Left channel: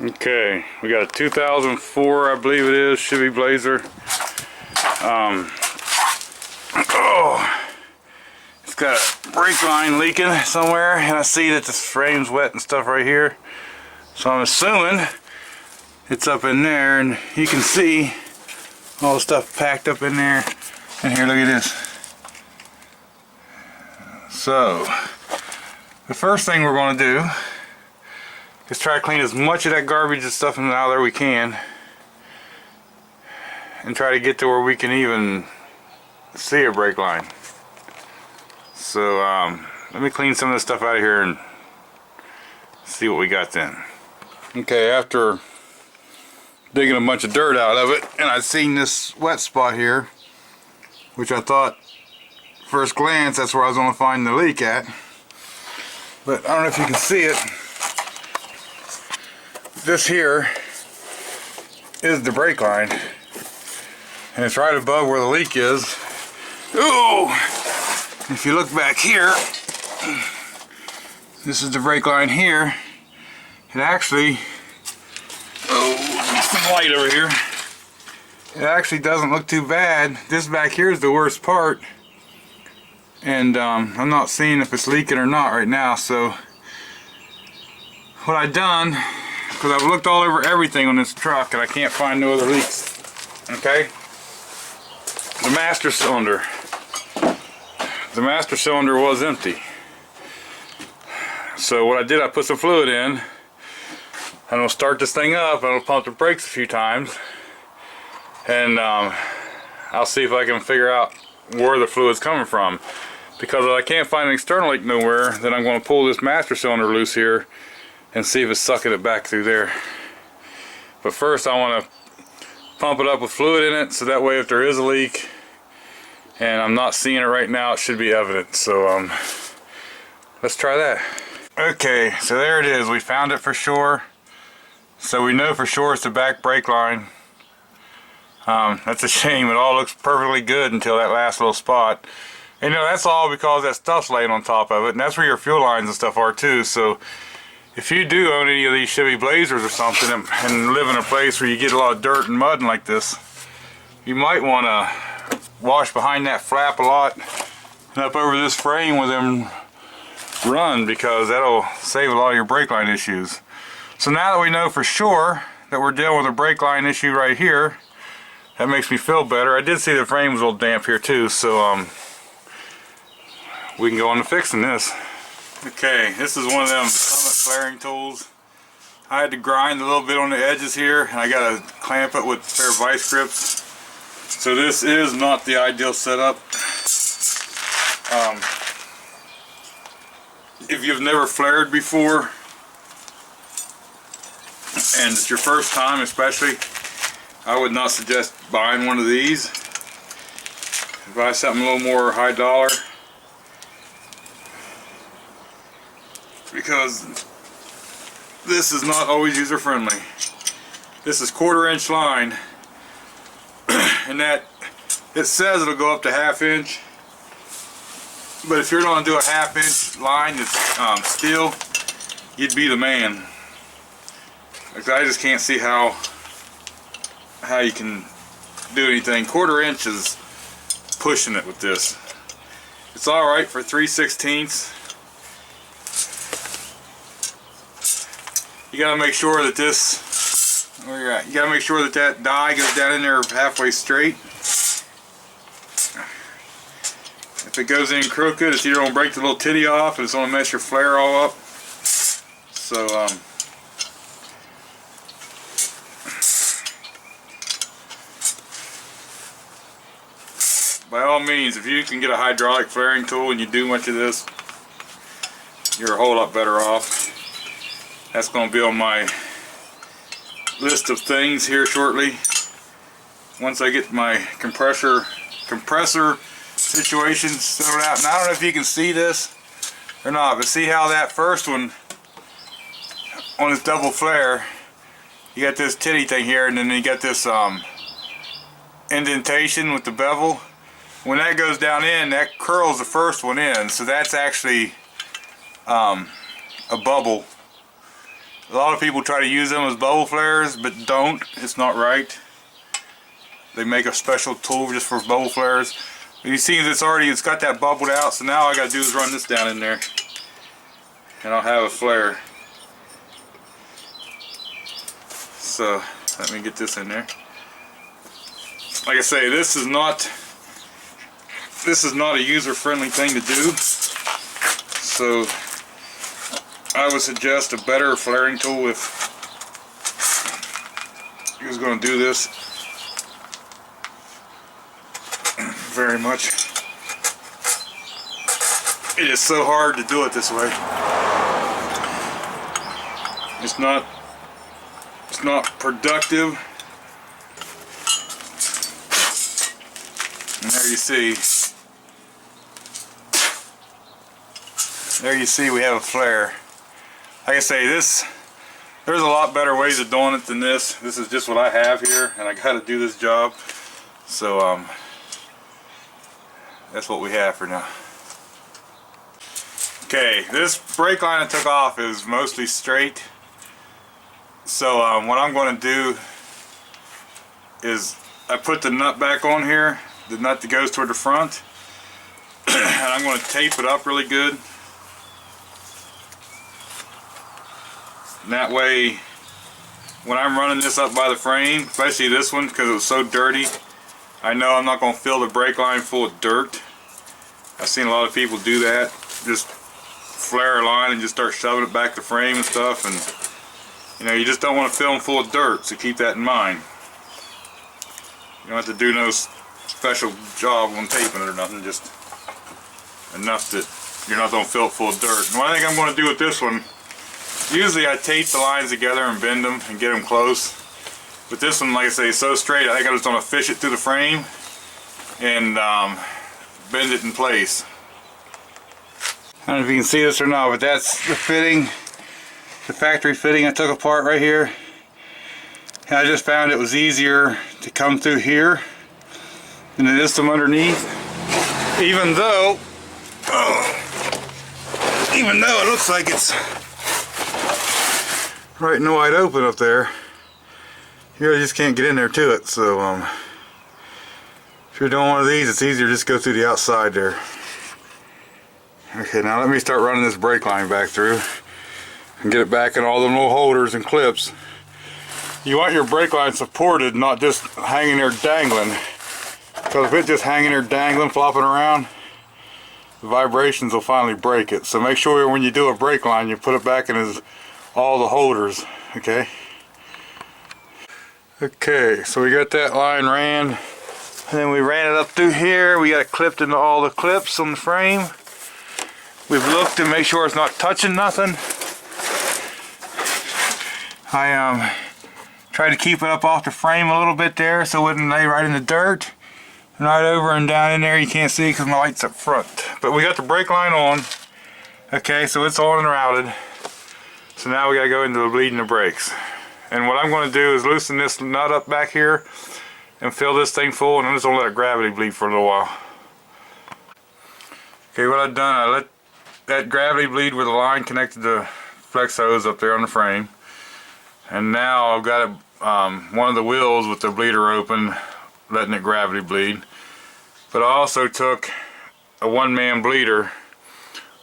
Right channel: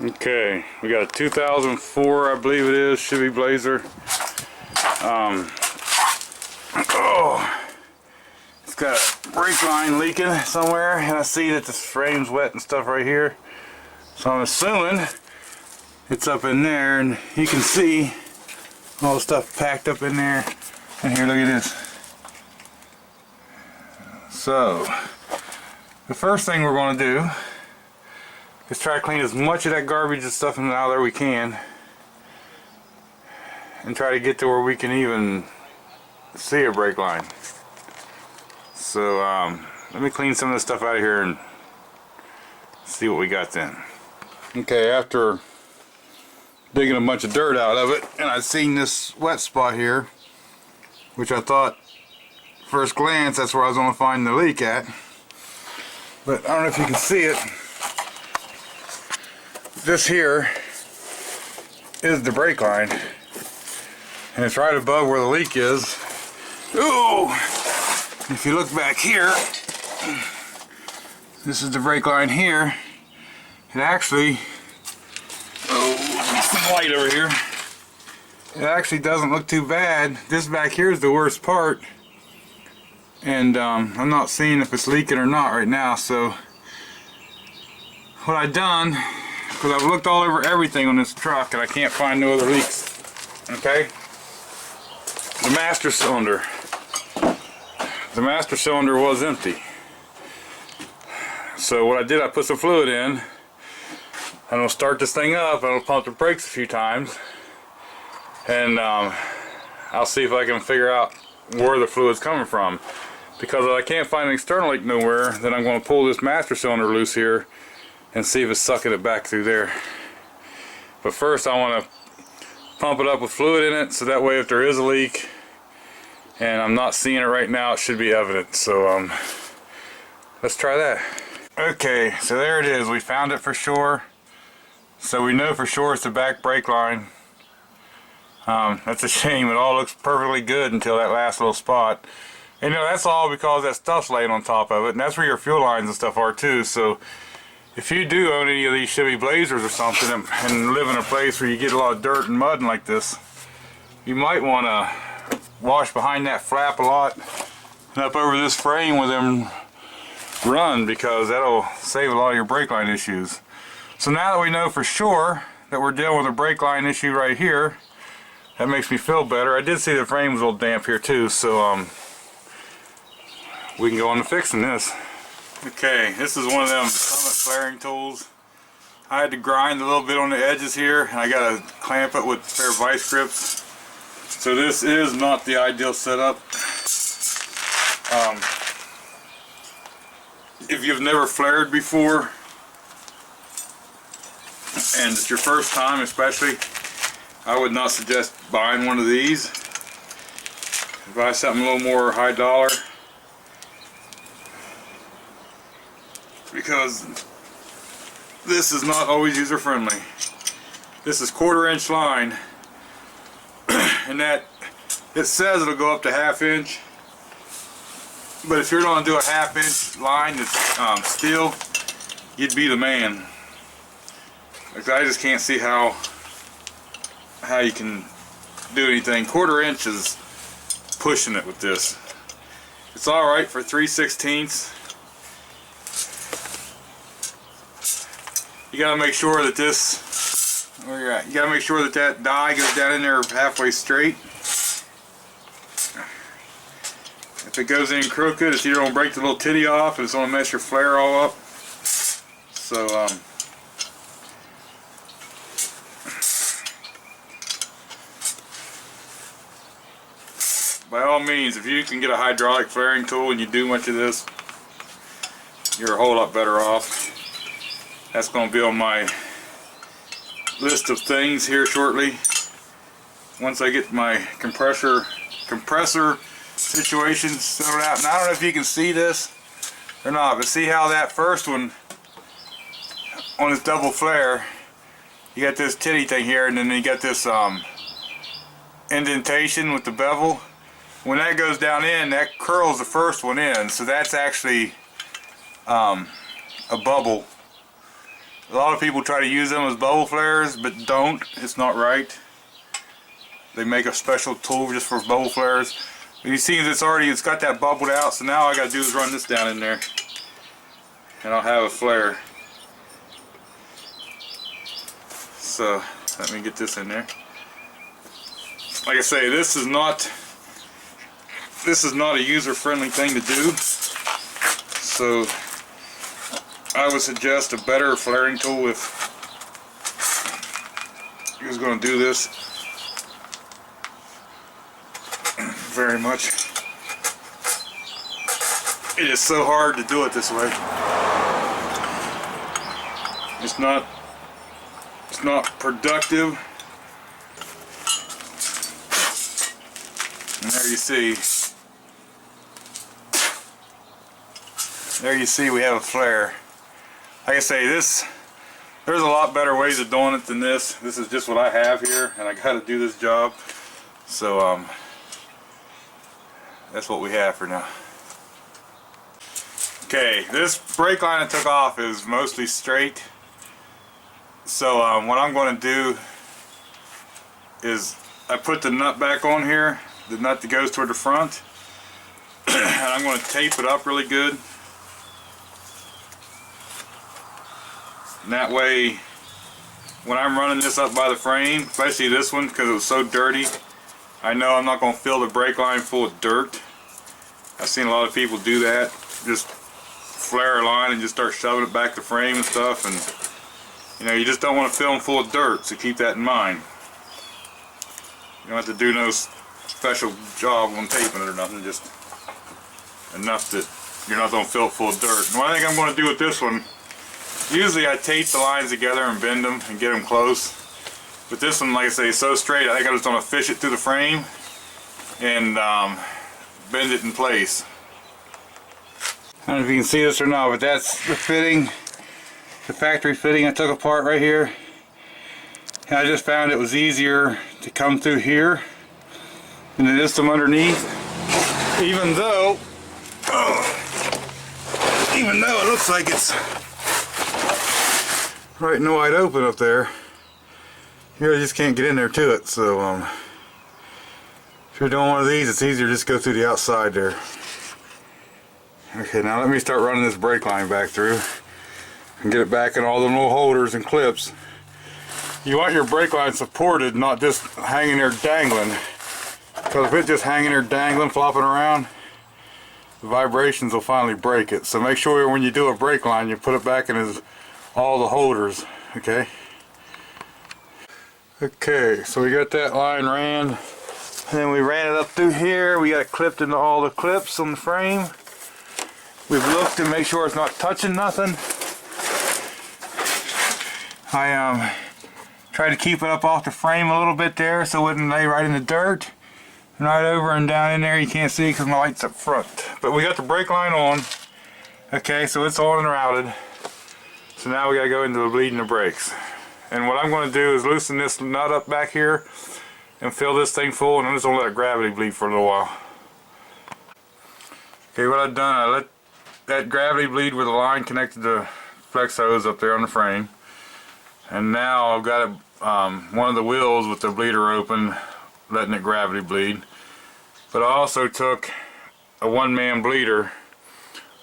Okay, we got a 2004, I believe it is, Chevy Blazer. It's got a brake line leaking somewhere, and I see that this frame's wet and stuff right here. So I'm assuming it's up in there, and you can see all the stuff packed up in there. And here, look at this. So, the first thing we're going to do is try to clean as much of that garbage and stuff out of there we can, and try to get to where we can even see a brake line. So let me clean some of this stuff out of here and see what we got then. Okay, after digging a bunch of dirt out of it, and I've seen this wet spot here, which I thought first glance that's where I was going to find the leak at, but I don't know if you can see it. This here is the brake line, and it's right above where the leak is. Ooh! If you look back here, this is the brake line here. It actually, some light over here. It actually doesn't look too bad. This back here is the worst part, and I'm not seeing if it's leaking or not right now. So what I've done, because I've looked all over everything on this truck and I can't find no other leaks. Okay, the master cylinder. The master cylinder was empty. So what I did, I put some fluid in, and I'll start this thing up, and I'll pump the brakes a few times, and I'll see if I can figure out where the fluid's coming from. Because if I can't find an external leak nowhere, then I'm going to pull this master cylinder loose here and see if it's sucking it back through there. But first I want to pump it up with fluid in it, so that way if there is a leak, and I'm not seeing it right now, it should be evident. So let's try that. Okay, so there it is. We found it for sure. So we know for sure it's the back brake line. That's a shame. It all looks perfectly good until that last little spot. And, you know, that's all because that stuff's laying on top of it, and that's where your fuel lines and stuff are too. So if you do own any of these Chevy Blazers or something and live in a place where you get a lot of dirt and mud and like this, you might want to wash behind that flap a lot and up over this frame with them run, because that'll save a lot of your brake line issues. So now that we know for sure that we're dealing with a brake line issue right here, that makes me feel better. I did see the frame was a little damp here too, so we can go on to fixing this. Okay, this is one of them Summit flaring tools. I had to grind a little bit on the edges here, and I got to clamp it with a pair of vice grips. So this is not the ideal setup. If you've never flared before, and it's your first time especially, I would not suggest buying one of these. Buy something a little more high dollar, because this is not always user friendly. This is 1/4 inch line, and that it says it'll go up to 1/2 inch, but if you're going to do a 1/2 inch line that's steel, you'd be the man. Like, I just can't see how you can do anything. 1/4 inch is pushing it with this. It's alright for 3/16. You gotta make sure that this, where you're at, you gotta make sure that that die goes down in there halfway straight. If it goes in crooked, it's either gonna break the little titty off, and it's gonna mess your flare all up. So by all means, if you can get a hydraulic flaring tool and you do much of this, you're a whole lot better off. That's going to be on my list of things here shortly. Once I get my compressor situation settled out. And I don't know if you can see this or not, but see how that first one on this double flare, you got this titty thing here, and then you got this indentation with the bevel. When that goes down in, that curls the first one in, so that's actually a bubble. A lot of people try to use them as bubble flares, but don't. It's not right. They make a special tool just for bubble flares. You see it's got that bubbled out, so now all I gotta do is run this down in there and I'll have a flare. So let me get this in there. Like I say, this is not a user-friendly thing to do. So I would suggest a better flaring tool if you was going to do this. Very much. It is so hard to do it this way. It's not productive. And there you see. There you see we have a flare. Like I say, there's a lot better ways of doing it than this. This is just what I have here, and I got to do this job. So that's what we have for now. Okay, this brake line I took off is mostly straight. So what I'm going to do is I put the nut back on here, the nut that goes toward the front, and I'm going to tape it up really good. And that way, when I'm running this up by the frame, especially this one because it was so dirty, I know I'm not going to fill the brake line full of dirt. I've seen a lot of people do that. Just flare a line and just start shoving it back to frame and stuff, and you know, you just don't want to fill them full of dirt, so keep that in mind. You don't have to do no special job on taping it or nothing, just enough that you're not going to fill it full of dirt. And what I think I'm going to do with this one, usually I tape the lines together and bend them and get them close. But this one, like I say, is so straight, I think I'm just going to fish it through the frame and bend it in place. I don't know if you can see this or not, but that's the fitting, the factory fitting I took apart right here. And I just found it was easier to come through here than it is from underneath. Even though it looks like it's right and wide open up there, you just can't get in there to it. So if you're doing one of these, it's easier to just go through the outside there. Okay, now let me start running this brake line back through and get it back in all them little holders and clips. You want your brake line supported, not just hanging there dangling, because if it's just hanging there dangling, flopping around, the vibrations will finally break it. So make sure when you do a brake line, you put it back in all the holders. Okay, so we got that line ran, and then we ran it up through here. We got it clipped into all the clips on the frame. We've looked to make sure it's not touching nothing. I tried to keep it up off the frame a little bit there so it wouldn't lay right in the dirt. And right over and down in there, you can't see because my light's up front. But we got the brake line on. Okay, so it's on and routed. So now we gotta go into the bleeding the brakes. And what I'm going to do is loosen this nut up back here and fill this thing full, and I'm just going to let it gravity bleed for a little while. Okay, what I've done, I let that gravity bleed with the line connected to flex hose up there on the frame. And now I've got one of the wheels with the bleeder open, letting it gravity bleed. But I also took a one-man bleeder,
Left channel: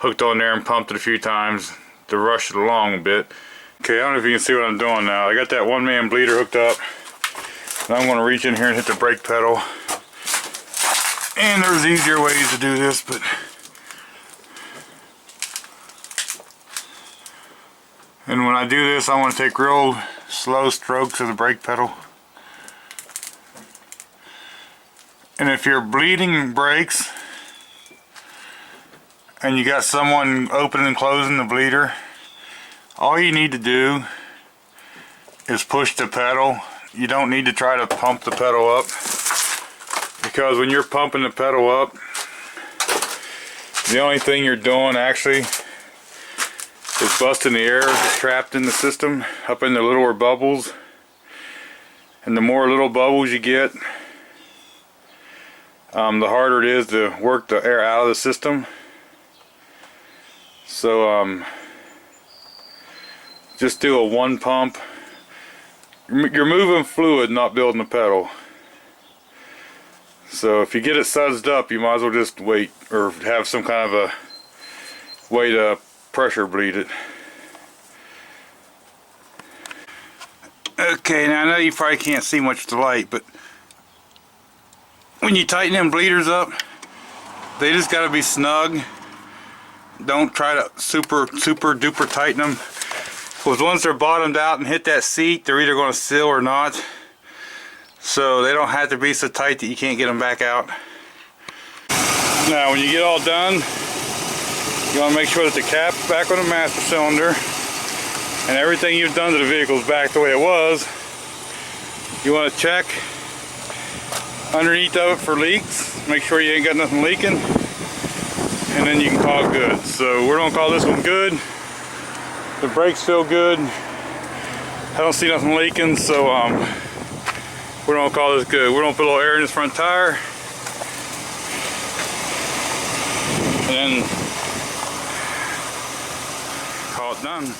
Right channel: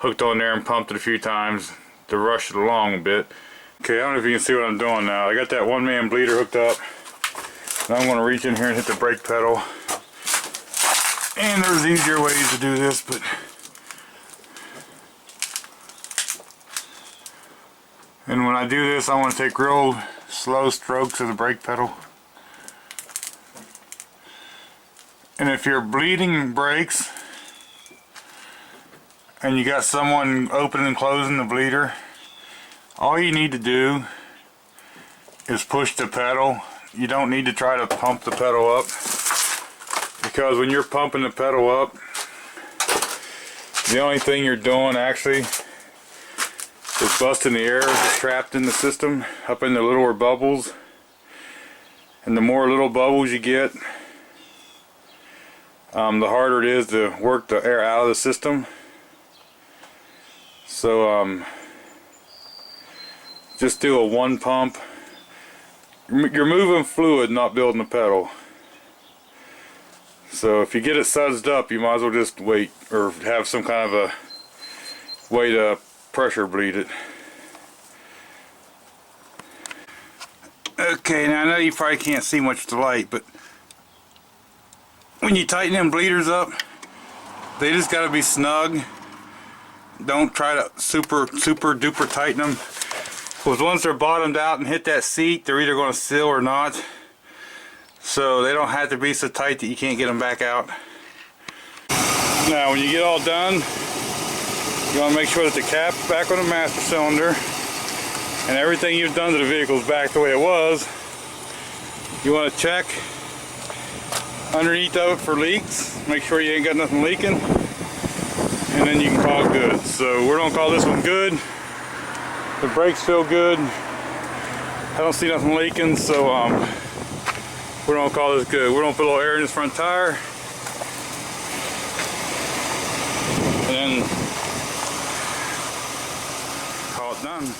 hooked on there and pumped it a few times to rush it along a bit. Okay, I don't know if you can see what I'm doing now. I got that one-man bleeder hooked up. Now I'm going to reach in here and hit the brake pedal. And there's easier ways to do this, but and when I do this, I want to take real slow strokes of the brake pedal. And if you're bleeding brakes and you got someone opening and closing the bleeder, all you need to do is push the pedal. You don't need to try to pump the pedal up, because when you're pumping the pedal up, the only thing you're doing actually is busting the air that's trapped in the system up in the littler bubbles. And the more little bubbles you get, the harder it is to work the air out of the system. So just do a one pump. You're moving fluid, not building a pedal. So if you get it sudsed up, you might as well just wait, or have some kind of a way to pressure bleed it. Okay, now I know you probably can't see much of the light, but when you tighten them bleeders up, they just got to be snug. Don't try to super duper tighten them, because once they're bottomed out and hit that seat, they're either going to seal or not. So they don't have to be so tight that you can't get them back out. Now when you get all done, you want to make sure that the cap's back on the master cylinder and everything you've done to the vehicle is back the way it was. You want to check underneath of it for leaks. Make sure you ain't got nothing leaking, and then you can call it good. So we're gonna call this one good. The brakes feel good. I don't see nothing leaking, so we're gonna call this good. We're gonna put a little air in this front tire, and then call it done.